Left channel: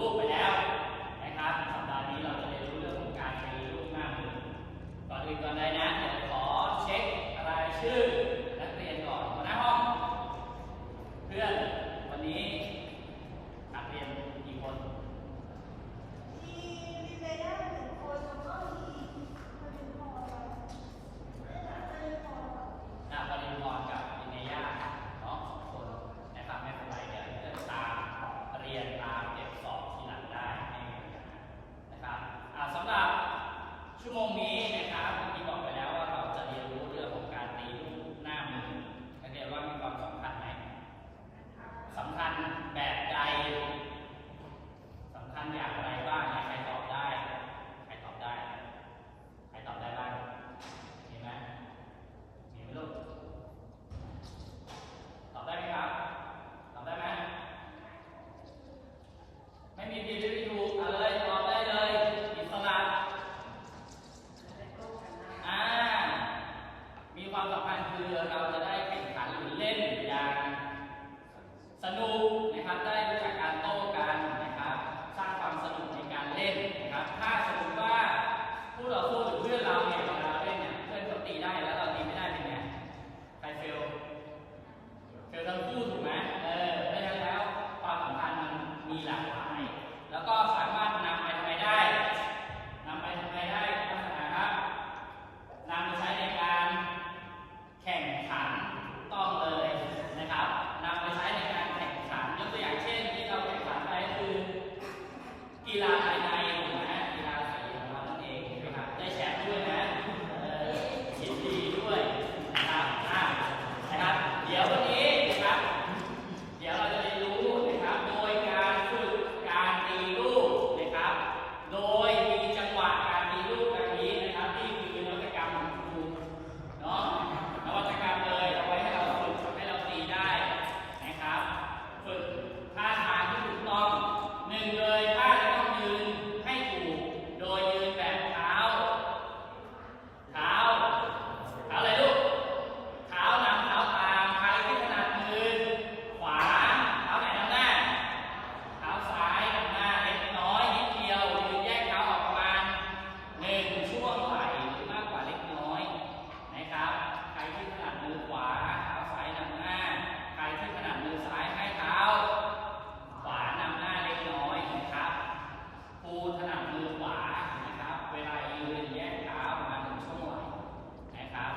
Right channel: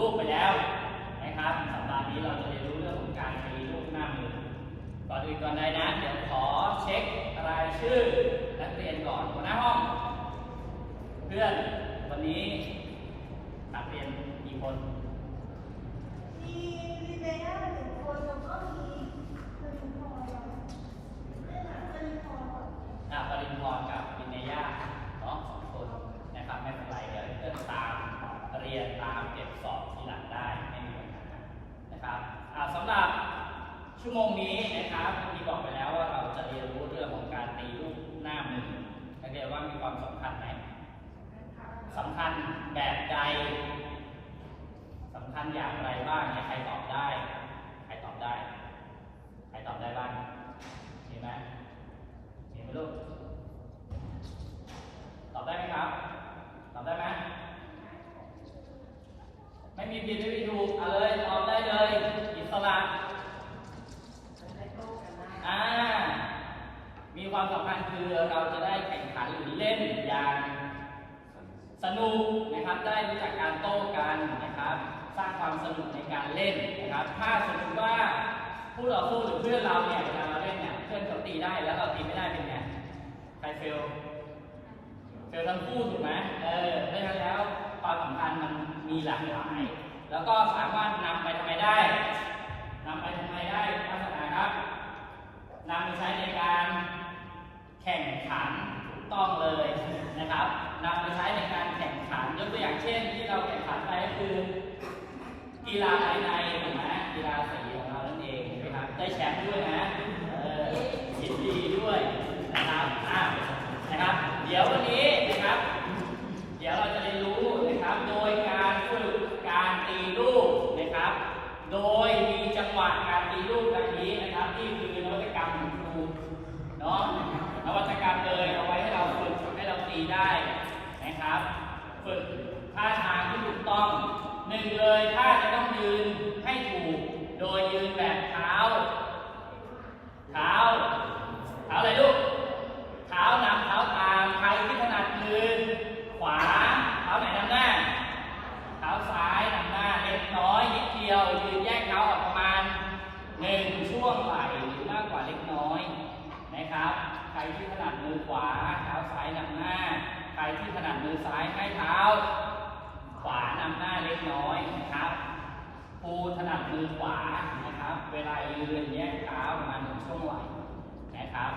ลูกไปแล้วนะครับสัปดาห์นี้เราจะเรียนรู้เรื่องของการตีลูกหน้ามือก่อนอื่นก่อนใดนะ เดี๋ยวขอเช็ครายชื่อนักเรียนก่อนหัวหน้าห้อง เพื่อนวันนี้นักเรียนกี่คน มีมีเบย่าหนึ่งคนแล้วก็มีปริญพรแล้วไม่หลานปริญพร อ่าปริญพรกับปิเนย่าเนาะสองคนนะครับไม่เป็นไรเดี๋ยวเพื่อนตามเรียนตามเก็บสอบทีหลังได้ไม่มีปัญหานะครับอ่าสำหรับชั่วโมงนี้นะครับเมื่อกี้บอกไปแล้วว่าเราจะเรียนรู้เรื่องของการตีลูกหน้ามือนักเรียนว่ามีความสำคัญไหมสำคัญแบบใด สำคัญอย่างไรบ้างเนี่ยใครตอบได้ ใครตอบได้ ใครตอบได้บ้างมีไหมมีไหมลูกตอบได้ไหมครับ ตอบได้ไหมไม่มีผิดไม่มีถูกเอาเลยตอบได้เลยอิสระอ่ามีความสำคัญคือเราจะได้แข่งขันหรือเล่นอย่าง สนุกนะครับได้รู้จักการโต้กันนะครับ สร้างความสนุกในการเล่นนะครับ ถ้าสมมติว่าผู้ต่อสู้หรือเพื่อนเราเนี่ยเวลาเราเล่นเนี่ยเพื่อนเขาตีได้แล้วเราตีไม่ได้เป็นไงใครเฟลเฟลทั้งคู่ถูกไหมเออเพราะฉะนั้นแล้วความสำคัญมันมีหลากหลาย แล้วก็สามารถนำไปทำไมได้นำไปทำไมได้ลักษณะครับนำไปใช้ในการแข่งขันถูกต้องเลยนะครับ นำไปใช้ในการแข่งขันยกตัวอย่างเช่นที่เราแข่งขันไปก็คือ กีฬาภายในถูกไหมกีฬาสีของเรานั่นเองถูกไหมครับได้แชมป์ด้วยนะเออยินดีด้วยนะครับอะนะครับ เดี๋ยววันนี้นะครับ เดี๋ยวเราจะเรียนรู้นะครับ โดยการฝึกการตีลูกนะครับ โดยมีจังหวะการตีลูกดังนี้นะครับนี่คือนวัตกรรมของครูเนาะนวัตกรรมเลยเอาไว้ให้เราฝึกให้เราตีได้ นะครับ ฝึกท่าทางที่ถูกต้องหนึ่งเลยท่าจะต้องยืนให้ถูก โดยยืนแบบเท้า เท้า เท้าอะไรลูก เท้านำเท้าตามใครที่ถนัดมือขวา เท้าไหนนำหน้า เท้าซ้ายนำหน้าเล็กน้อยนิดเดียว ยืนแยกเท้าออกประมาณหนึ่งช่วงไหล่หรือมากกว่าเล็กน้อยนะครับ ใครที่ถนัดมือขวา เท้าซ้ายนำหน้า ใครที่ถนัดมือซ้ายให้เท้า ขวานำหน้าเล็กน้อยนะครับครูถนัด มือขวานะครับ เวลายืนแยกเท้าประมาณหนึ่งช่วงไหล่นะครับ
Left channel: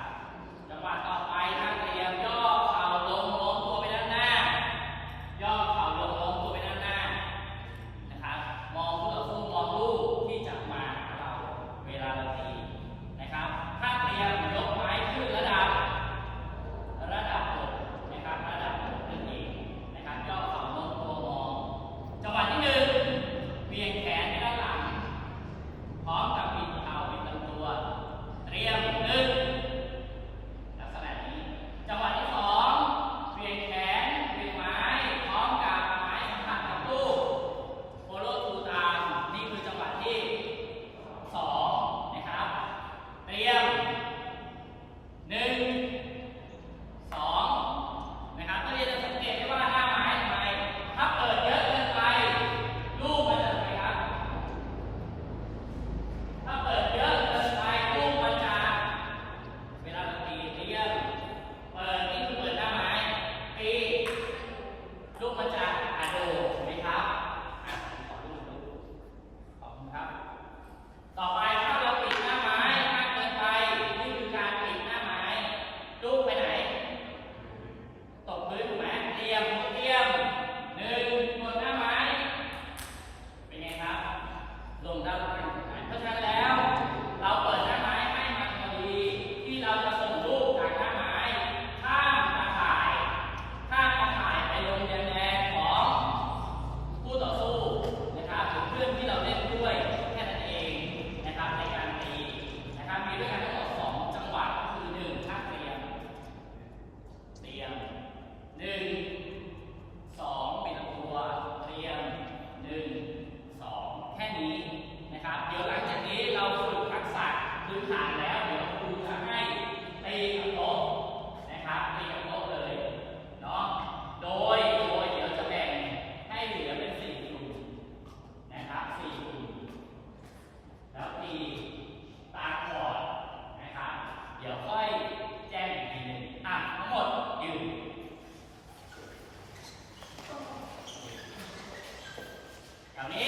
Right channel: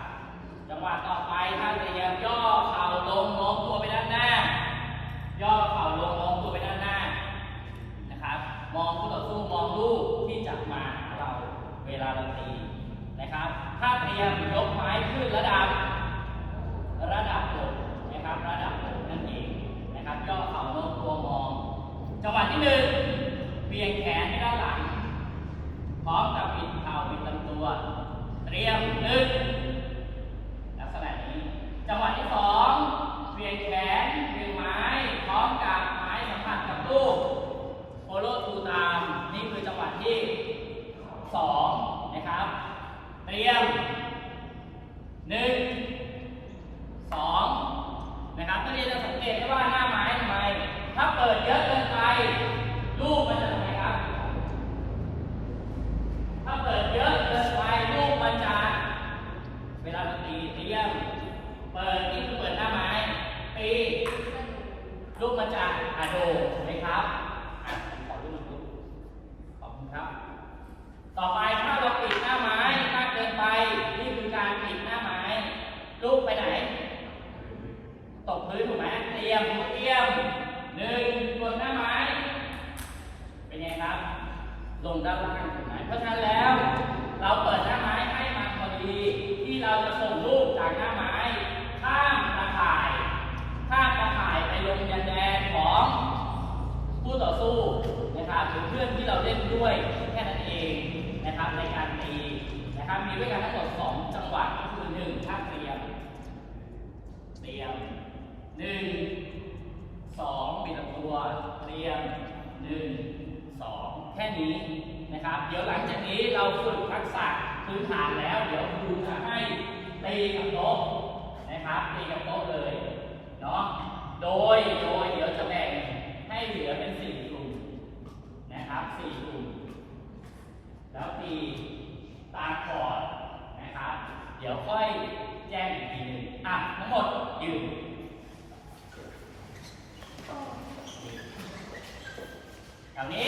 จังหวะต่อไปท่านเตรียมย่อเข่าลงโน้มตัวไปด้านหน้า ย่อเข่าลงโน้มตัวไปด้านหน้านะครับ มองผู้ต่อสู้มองลูกที่จะมาหาเราเวลาเราตีนะครับถ้าเตรียมยกไม้ขึ้นระดับ ระดับอกนะครับ ระดับอกนั่นเองนะครับ ย่อเข่าโน้มตัวมอง จังหวะที่หนึ่งเบี่ยงแขนไปด้านหลัง พร้อมกับบิดเข่าบิดลำตัว เตรียมหนึ่ง ลักษณะนี้ จังหวะที่สองเวียงแขนเวียงไม้ พร้อมกับไม้สัมผัสกับลูกโฟโลทูตาม นี่คือจังหวะที่สองนะครับ เตรียมหนึ่งสองนะครับนักเรียนจะสังเกตได้ว่าหน้าไม้ทำไม ถ้าเปิดเยอะเกินไป ลูกมันจะทำไมครับ ถ้าเปิดเยอะเกินไปลูกมันจะ เวลาเราตีเตรียมเปิดนี่คือเปิดหน้าไม้ตี ลูกมันจะอะโดถูกไหมครับผมขอรูปหนึ่งลูกขอบคุณครับ ต่อไปถ้าเราปิดหน้าไม้มากเกินไปนี่คือการปิดหน้าไม้ลูกไปไหน ตกพื้นถูกไหมเตรียมเตรียมหนึ่งกดหน้าไม้ เป็นไงครับ ลงด้านล่างถูกไหมเพราะฉะนั้นแล้ว เราเปิดหน้าไม้ให้มันพอดี ที่เราจะส่งลูกจากหน้าไม้ คู่ต่อสู้นะครับหรือเพื่อนที่เราเล่นด้วยแค่นั้นเองนะครับในการตีนะครับมีด้วยกันทั้งหมด 2 จังหวะก็คือ1ท่าเตรียม เตรียม 1 2ปิดตัวเตรียม 1 2 แค่นี้นะครับ เดี๋ยวหลังจากนี้เราฝึกทักษะพื้นฐานแล้ว เดี๋ยวครูจะให้ตีกับโต๊ะนะครับตีกับโต๊ะเลยเนาะโดยโดย ให้เหลือเป็นสี่กลุ่มนะครับสี่กลุ่ม แล้วปีตาขอดนะครับ เดี๋ยวค่อยแจ้งอีกทีหนึ่งอะทั้งหมดยืนแาวนี้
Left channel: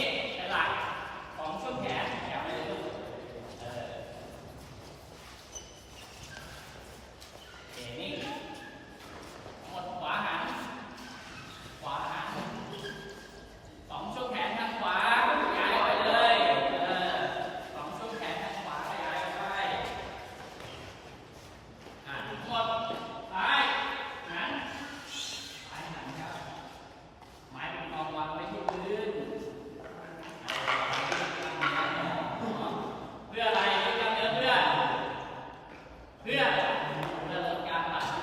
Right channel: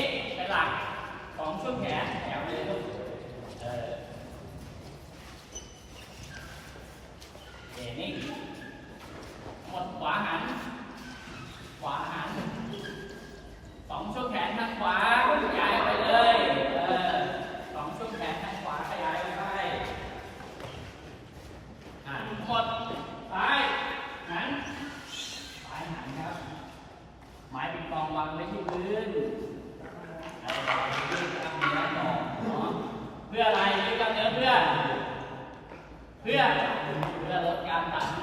พื่อเพื่อลดการตัด